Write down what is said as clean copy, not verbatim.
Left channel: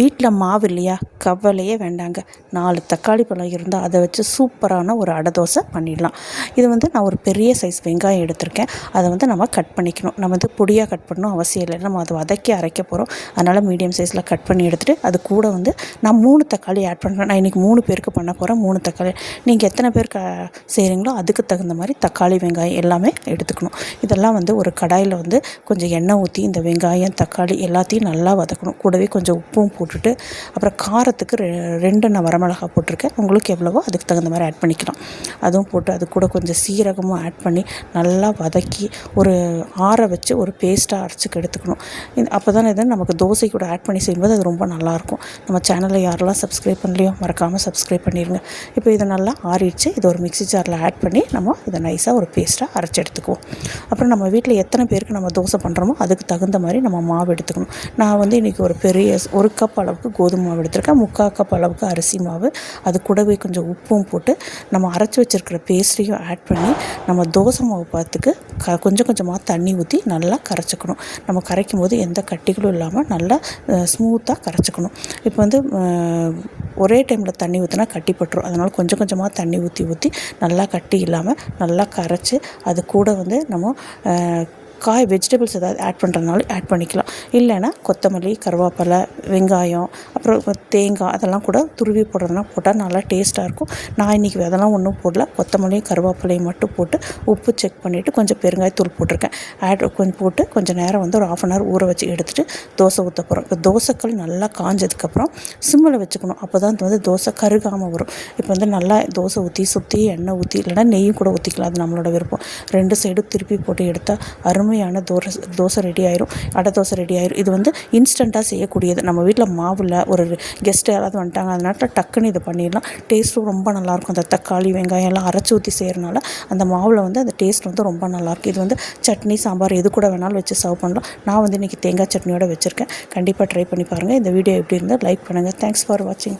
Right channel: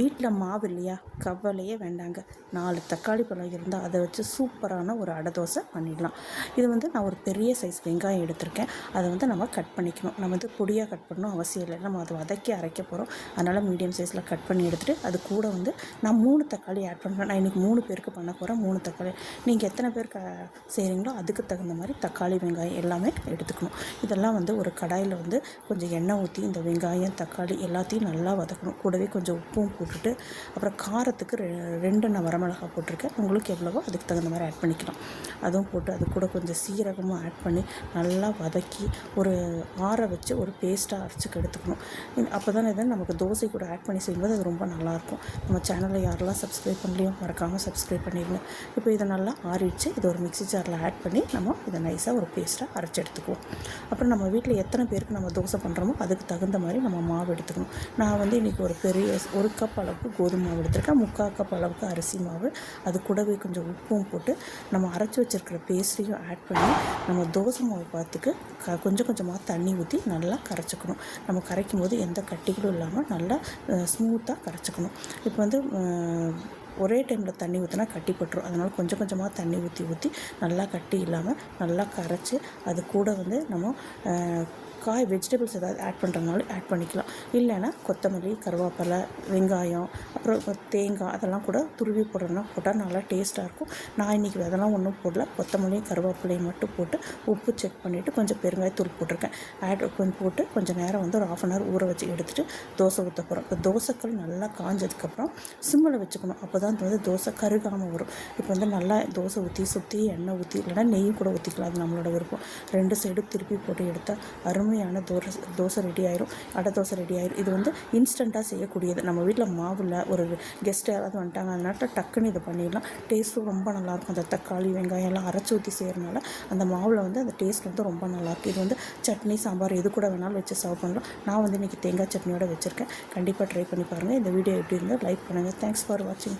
வீட்டில் மாவு இல்லையா, கவலையே வேண்டாங்க. 4 தக்காளி பழம் இருந்தால் அதை வச்சு சூப்பரான ஒரு அடை தோசை பண்ணிடலாம். இது நான் ஒரு பெரிய சைஸ் வெங்காயம் எடுத்திருக்கேன். அதை நம்ம கட் பண்ணிக்கணும். நம்ம பொடியாக கட் பண்ணணும் அவசியம் இல்லை. நம்ம அதை வதக்கி அரைக்க போகிறோம். அதனால் மீடியம் சைஸில் கட் பண்ணி எடுத்துகிட்டு அது கூட நான் 3 தக்காளி ஆட் பண்ணுறேன். நான் இன்றைக்கி 3 பேருக்கு பண்ண போகிறேன். 3 தக்காளி. நீங்கள் எத்தனை பேர் செய்கிறீங்களோ அதுக்கு தகுந்த மாதிரி தக்காளி வெங்காயம் எல்லாமே எடுத்துக்கணும். இதெல்லாம் ஒரு கடாயில் கொஞ்சம் எண்ணெய் ஊற்றி இந்த வெங்காயம் தக்காளி எல்லாத்தையும் நல்லா வதக்கணும். கூடவே கொஞ்சம் உப்பும் போட்டுட்டு அப்புறம் காரத்துக்கு 2 நான் வரமிளகாய் போட்டிருக்கேன். உங்களுக்கு எவ்வளவோ அதுக்கு தகுந்த மாதிரி ஆட் பண்ணிக்கலாம். அதுவும் போட்டு அது கூட கொஞ்சம் சீரகமும் ஆட் பண்ணி நல்லா வதக்கி ஒரு ஆற வச்சு ஒரு பேஸ்ட்டாக அரைச்சிக்க எடுத்துக்கணும். அப்போ தான் நமக்கு தோசை கூட ஆட் பண்ணி செய்யும்போது அது ரொம்ப நல்லாயிருக்கும். நம்ம சேனலில் யாரெல்லாம் சப்ஸ்கிரைப் பண்ணலையோ மறக்காமல் சப்ஸ்கிரைப் பண்ணிடுங்க. இப்போ இதை நல்லா ஆறிடுச்சு. இதை ஒரு மிக்ஸி ஜாரில் ஆட் பண்ணி நம்ம இதை நைஸாக ஒரு பேஸ்ட்டாக அரைச்சி எடுத்துக்குவோம். அப்புறம் நம்ம வீட்டில் எத்தனை பேருக்கு நம்ம தோசை பண்ணுறோமோ அதுக்கு தகுந்த மாதிரி நம்ம மாவு எடுத்துக்கணும். நான் இன்றைக்கி ஒரு பெரிய 1 கப் அளவுக்கு கோதுமை மாவு எடுத்திருக்கேன். 3/4 கப் அளவுக்கு அரிசி மாவு, அது கூடவே கொஞ்சம் உப்பும் போட்டு நம்ம அரைச்சி வச்சுருக்கிற பேஸ்ட்ரியும் ஆட் பண்ணி நம்ம தோசை மாவு பார்த்துக்கு கொஞ்சம் கொஞ்சமாக தண்ணி ஊற்றி நல்லா கரைச்சிக்கணும். நம்ம கரைக்கும் போது எந்த கட்டிகளும் இல்லாமல் நல்லா ஸ்மூத்தாக கரைச்சிக்கணும். இப்போ ஒரே டைமில் தண்ணி ஊற்றினா கட்டிப்பட்டுரும். அதனால் கொஞ்சம் கொஞ்சமாக தண்ணி ஊற்றி நல்லா கட்டி இல்லாமல் நல்லா கரைச்சி அது கூட நம்ம வெஜிடபிள்ஸ் ஏதாவது ஆட் பண்ணுறதுனாலும் ஆட் பண்ணிக்கலாம். இல்லைன்னா கொத்தமல்லி, கருவேப்பிலை, வெங்காயம், அப்புறம் தேங்காய் அதெல்லாம் கூட துருவி போடுறதுனா போட்டால் நல்லா டேஸ்ட்டாக இருக்கும். நான் இன்றைக்கி அதெல்லாம் ஒன்றும் போடல. கொத்தமல்லியும் கருவேப்பிலையும் மட்டும் போட்டு உப்பு செக் பண்ணிவிட்டு கொஞ்சம் பெருங்காயத்தூள் போட்டிருக்கேன். கொஞ்சம் போட்டு கொஞ்சம் நேரம் ஒரு 1/2 அன் ஹவர் ஊற வச்சு எடுத்துகிட்டு தோசை ஊற்ற போகிறோம். இப்போ தோசைக்கல் நல்லா காஞ்சதுக்கப்புறம் சிம்மில் வச்சுக்கணும். அப்போ தான் தோசை கருகாமல் வரும். இப்போ நல்லா தோசை ஊற்றி சுற்றி எண்ணெய் ஊற்றி இல்லைனா நெய்யும் கூட ஊற்றிக்கலாம். அது நம்மளோட விருப்பம். 2 சைடும் திருப்பி போட்டு எடுத்தால் அருமையான தோசை ரெடி ஆயிரும். அடை தோசை ரெடி ஆயிரும். இது இன்ஸ்டண்ட்டாக செய்யக்கூடியது. நம்ம வீட்டில் மாவில் ஒரு கெஸ்ட்டு யாராவது வந்துட்டாங்க அதனால டக்குன்னு இதை பண்ணிடலாம். டேஸ்ட்டும் ரொம்ப நல்லாயிருக்கும். அந்த தக்காளி வெங்காயம் எல்லாம் அரைச்சி ஊற்றி செய்கிறனால அந்த மாவில் அந்த டேஸ்ட் ரொம்ப நல்லாயிருக்கும். இது சட்னி சாம்பார் எது கூட வேணாலும் வச்சு சர்வ் பண்ணலாம். நான் இன்றைக்கி தேங்காய் சட்னியோடு வச்சுருக்கேன். கண்டிப்பாக ட்ரை பண்ணி பாருங்கள். இந்த வீடியோ எப்படி இருந்தால் லைக் பண்ணுங்கள். தேங்க்ஸ் ஃபார் வாட்சிங்.